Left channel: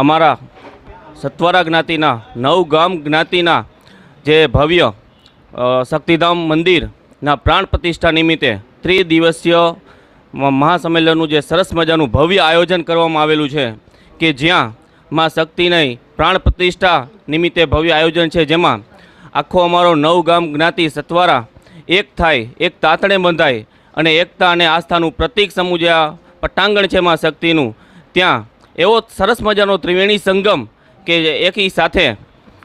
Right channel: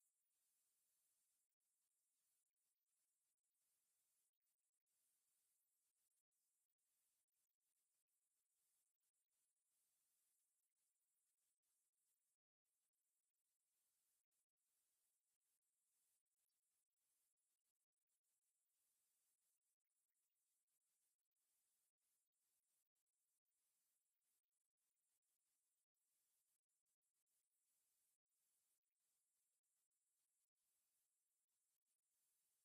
અમારા સત્વરા જ્ઞાતિના નવગામ જ્ઞાતિના જે ભવ્ય શક્તિધામ મંદિરના પ્રાણ પ્રતિષ્ઠા નિમિત્તે ત્રિદિવસીય મહાસંમેલનનું જે સરસ મજાનું ભવ્ય આયોજન કરવામાં આવેલું છે કે જ્યાં માં શક્તિની પ્રાણ પ્રતિષ્ઠા નિમિત્તે ભવ્ય આયોજન છે, જેમાં આખો અમારો નવગામ જ્ઞાતિ સત્વરા એક થાય, એક તાતણે બંધાય અને એકતા અને આસ્થાનું પ્રતીક સમૂહ જે આ પટાંગણ છે માં શક્તિનું, ત્યાં એવો સરસ મજાનો ત્રિવેણી સંગમ કે એકી સાથે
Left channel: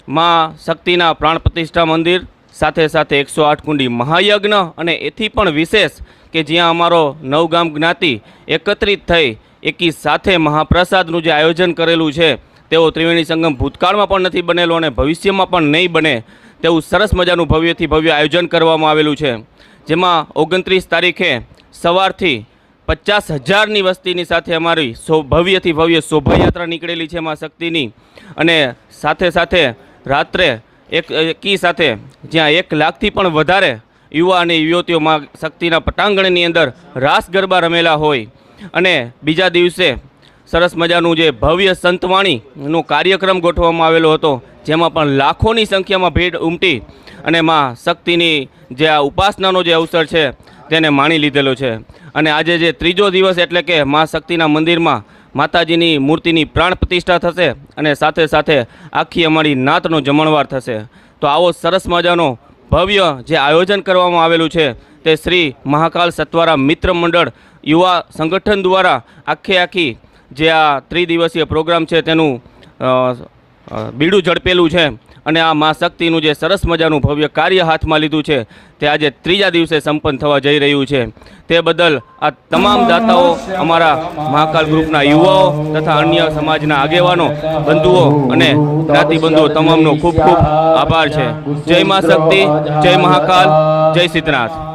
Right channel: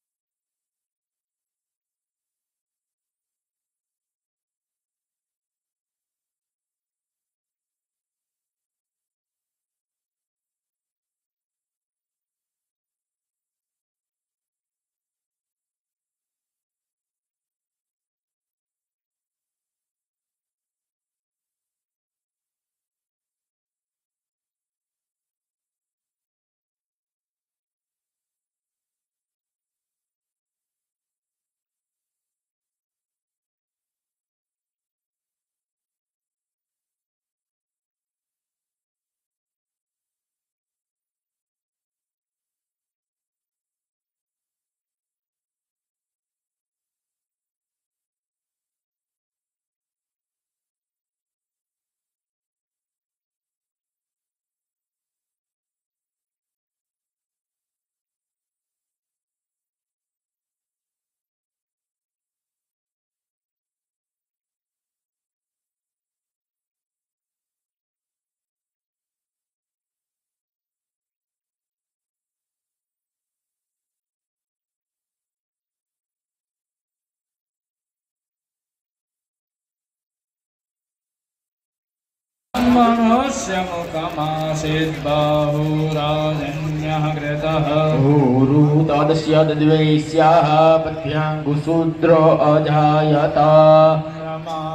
માં શક્તિના પ્રાણ પ્રતિષ્ઠા મંદિર સાથે સાથે 108 કુંડી મહાયજ્ઞ અને એથી પણ વિશેષ કે જ્યાં અમારો નવગામ જ્ઞાતિ એકત્રિત થઈ એકી સાથે મહાપ્રસાદનું જે આયોજન કરેલું છે તેવો ત્રિવેણી સંગમ ભૂતકાળમાં પણ નથી બનેલો અને ભવિષ્યમાં પણ નહીં બને તેવું સરસ મજાનું ભવ્યથી ભવ્ય આયોજન કરવામાં આવેલું છે, જેમાં 29 તારીખે સવારથી 50,000ની વસ્તીની સાથે અમારી ભવ્યથી ભવ્ય શોભાયાત્રા નીકળેલી છે માં શક્તિની, અને સાથે સાથે રાત્રે એકી સાથે જ્યાં 1 લાખથી પણ વધારે યુવા અને યુવતીઓ માં શક્તિના પટાંગણની અંદર રાસ ગરબા રમેલા હોય, અને બીજા દિવસે સરસ મજાનું જે ભવ્ય સંતવાણીનો કાર્યક્રમ ગોઠવવામાં આવેલો હતો, જેમાં પણ લાખોની સંખ્યામાં ભીડ ઉમટી અને માં શક્તિની જે આ ઉપાસનાનો જે અવસર છે તેને માણી લીધેલો છે. અને આજે જે ત્રીજો દિવસ એટલે કે માં શક્તિના મંદિરમાં માતાજીની મૂર્તિની પ્રાણ પ્રતિષ્ઠા થશે અને સાથે સાથે આખી અમારી નાતનો જમણવાર થશે. તો આવો સરસ મજાનો ભવ્ય જે આયોજન કરવામાં આવેલું છે તે શ્રી મહાકાલ સત્વરા મિત્ર મંડળ યુવા સંગઠન દ્વારા આખી જે આ ત્રિદિવસીય પ્રોગ્રામ છે તેનું બીડું ઝડપેલું છે, અને આ મા શક્તિનું જે સરસ મજાનું ભવ્ય કાર્ય હાથમાં લીધું છે તે આજે ત્રીજા દિવસે સંપન્ન થવા જઈ રહ્યું છે. તે બદલ આ તમામ દાતાઓ, અમારા મહાકાલ ગ્રુપના યુવાઓ તથા અન્ય સમાજના આગેવાનો, બંધુઓ અને જ્ઞાતિબંધુઓ તમામનો ખૂબ ખૂબ આભાર છે. જય મા શક્તિ, જય મહાકાલ, જય સિદ્ધનાથ.